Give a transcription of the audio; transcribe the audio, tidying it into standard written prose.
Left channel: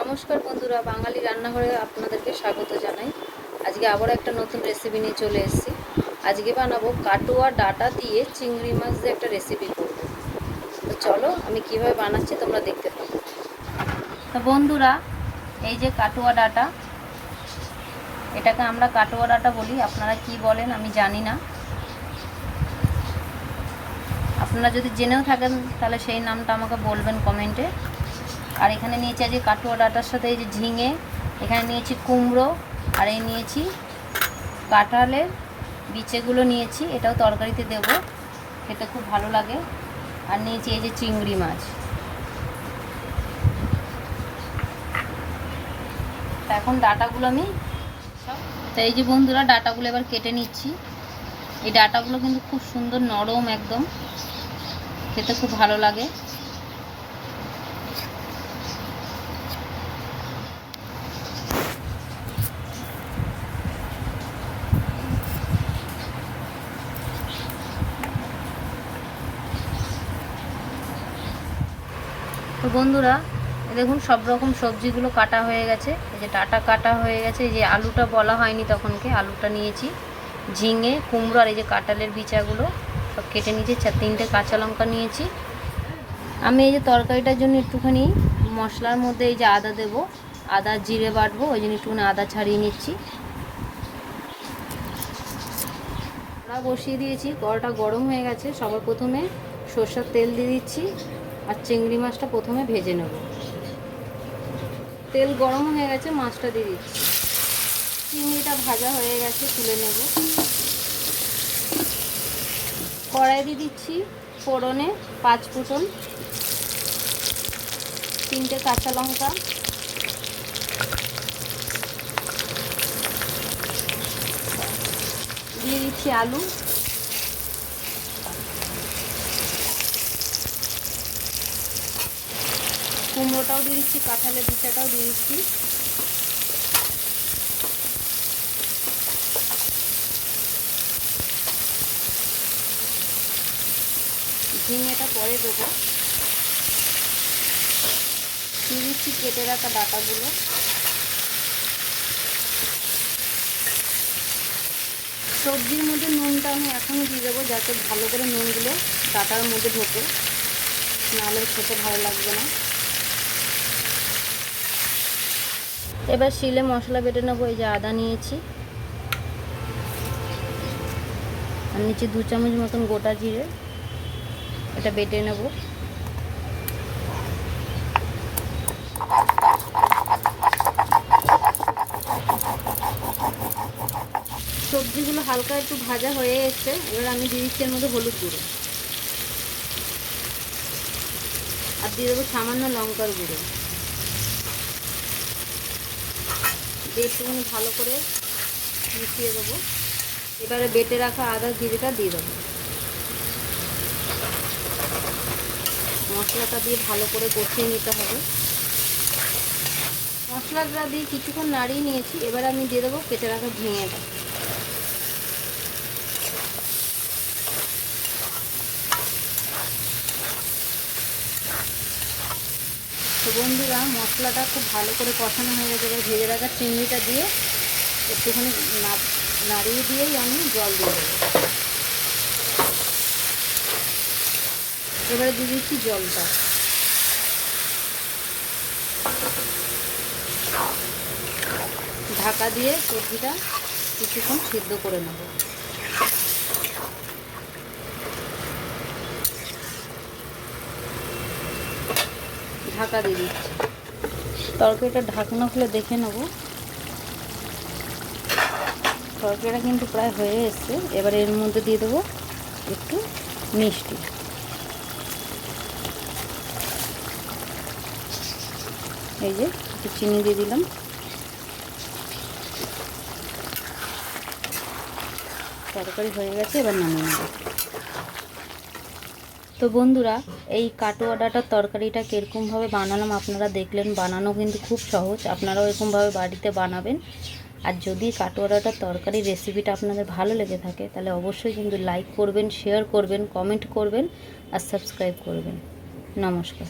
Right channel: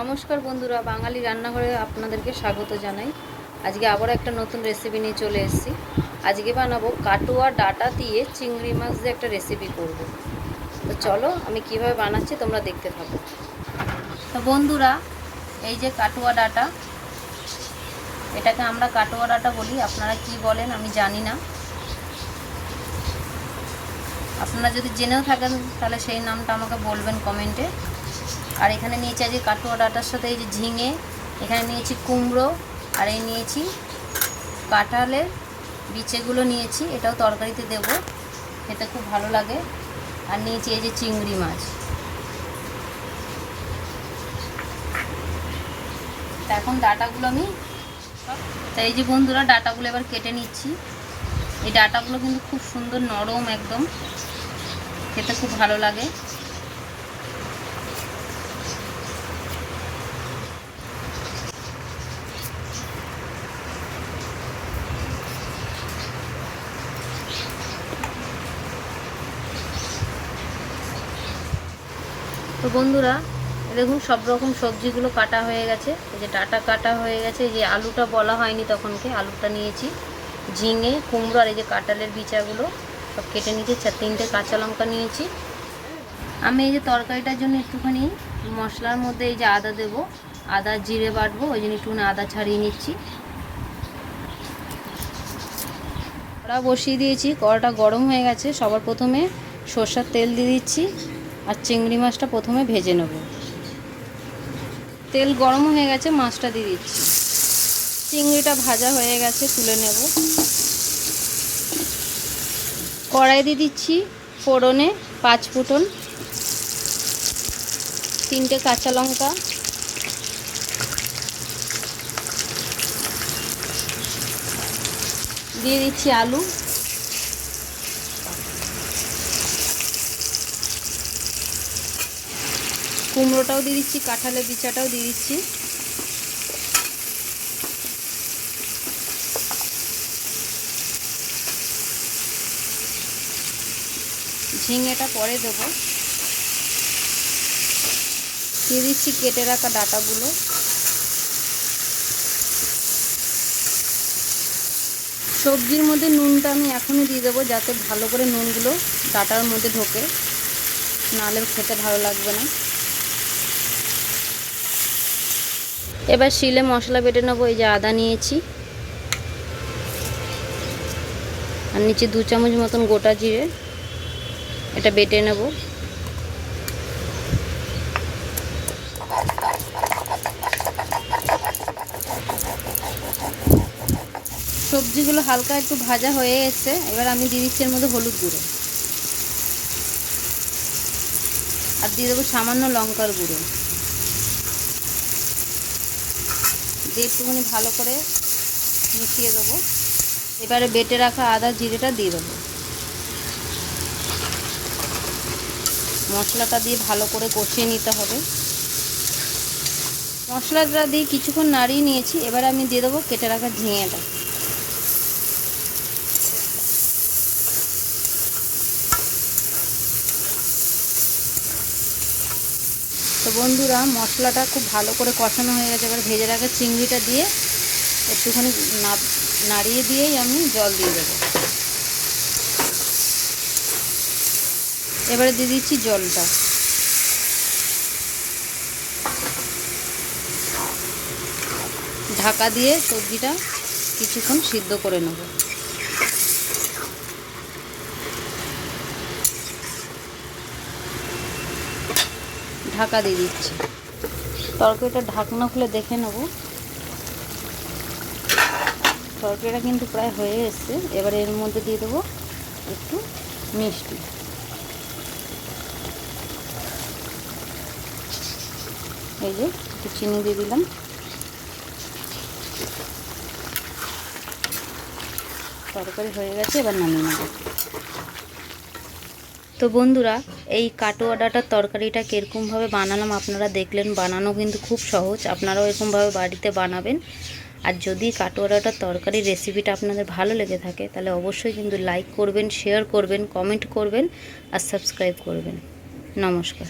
নমস্কার বন্ধুরা, বাঙালি রান্নাঘরে আপনাদেরকে স্বাগত জানাই। আজকে আবার একটা নতুন রেসিপি নিয়ে চলে এসেছি। আজকে বানাবো কাটুয়া ডাটা দিয়ে চিংড়ি মাছ দিয়ে একটা রেসিপি করব। তো চলো আমি কিভাবে বানাচ্ছি তোমরা দেখতে থাকো। তো বন্ধুরা, এই যে কাটুয়া ডাটা, এটাকে আমরা কাটুয়া ডাটা বলি, আপনারা কি বলেন আমি জানি না। আপনারা যদি জেনেও থাকেন তাহলে সেই নামটা আমাকে বলবেন কমেন্টে। আর এখানে নিয়েছি আজকে কাটুয়া ডাটার সাথে এই যে ঝিঙে, এখানে নিয়েছি কুমড়ো, আর এই নিয়েছি কাঁঠালের বিচেগুলো নিয়েছি, এটাও তরকারিতে দেব, খেতে খুব ভালো লাগে। আর নিয়েছি এই যে চিংড়ি মাছ। তা এখন ডাটাগুলো আমি তাই এই যে বন্ধুরা ডাটাগুলো এবার কেটে নিচ্ছি। এই ডাটাগুলো কিন্তু খুব সুন্দর নরম, একদম খেতে খুব ভালো লাগে। তো বন্ধুরা দেখুন সব রকম সবজিগুলো কাটা হয়ে গেছে, এই যে ডাটা কাটা হয়ে গেছে, এই যে আলুটা বলা হয়নি তখনকে, আলুটা নিয়েছি, ঝিঙে, কুমড়ো আর এই যে কাঁঠালের বিচাগুলো সব কেটে নিয়েছি, 4-3টে কাঁচা লঙ্কা নিয়েছি। আমি এই যে তরকারিটার জন্য একটুখানি মশলার মধ্যে এই যে আদা দেবো, আদা জিরে বাটবো, ওই জন্য একটুখানি আদা ছাড়িয়ে নিচ্ছি। কড়া বসিয়ে দিয়েছি, কড়াটা গরম হয়ে গেছে। সবার প্রথমে সরষের তেল দিয়ে দিচ্ছি আর চিংড়ি মাছটা প্রথমে ভেজে নেব। তেল গরম হয়ে গেছে, মাছটা দিয়ে দিচ্ছি। চিংড়িটা ভাজা হয়ে গেছে, তুলে নেব। কড়াই দিয়ে দিচ্ছি ফোড়নে 5 ফোঁটন, 3টে কাঁচা লঙ্কা, দিয়ে দিচ্ছি আলু, কুমড়োটাও দিয়ে দিচ্ছি, কাঁঠালের বিচাটাও দিয়ে দিচ্ছি। ঝিঙেটা পরে দেবো। দিয়ে দিচ্ছি কেটে রাখা ডাটাগুলো। সবজির মধ্যে নুনটা আমি এখনই দিয়ে দেবো, যাতে ভালো করে নুনগুলো ডাটার মধ্যে ঢোকে, নাহলে খেতে ভালো লাগবে না। এবার শিলে মশলা বেটে নেবো। এই যে আদা নিয়েছি, আর নিচে 2 চামচ মতন গোটা জিরে, এটা বেটে নেব। সবজিগুলো হালকা একটু ভাজা হয়ে এসছে, এবার আমি দিয়ে দিচ্ছি এর মধ্যে হলুদ গুঁড়ো, আর দিয়ে দেবো সামান্য লঙ্কার গুঁড়ো, দিয়ে একটুখানি ভালো করে মিশিয়ে দেবো। এবারে বেটে রাখা আদা জিরেটা দিয়ে দেবো। মশলাটা দিয়ে ভালো করে কষিয়ে নিতে হবে। মশলাটা দিয়ে কিছুক্ষণ নাড়িয়ে নিয়েছি, এবার আমি দিয়ে দেবো কেটে রাখা ঝিঙেটা। তো বন্ধুরা মশলাটা খুব ভালো করে কষানো হয়ে গেছে, এবার ভেজে রাখা চিংড়িটা দিয়ে একটুখানি নাড়িয়ে দিয়েই আমি জল দিয়ে দেবো। এবারে দিয়ে দিচ্ছি জলটা। ঢাকা দিয়ে সবজিটা কিছুক্ষণ সিদ্ধ করে নেব। ঢাকা দিয়ে দিচ্ছি। তরকারিটা ঢাকনা খুলে দেখে নেব। তরকারিটা কিন্তু প্রায় হয়ে এসছে। এবার এর মধ্যে দিয়ে দেবো একটু মিষ্টি। এই যে একটু চিনি দিয়ে দিলাম। তরকারি হয়ে গেছে, এবার নামিয়ে নেব। তো বন্ধুরা এই কাটুয়া ডাটার তরকারিটা কীরকমভাবে বানালাম আপনারা দেখলেন। বানানো কিন্তু খুব সহজ, আপনারাও এরকমভাবে বাড়িতে বানাবেন। আর যদি কাটুয়া ডাটার তরকারির রেসিপিটা আপনাদের ভালো লেগে থাকে তাহলে অবশ্যই কিন্তু লাইক করবেন, শেয়ার করবেন, কমেন্ট করবেন আর সাবস্ক্রাইব করবেন। নমস্কার।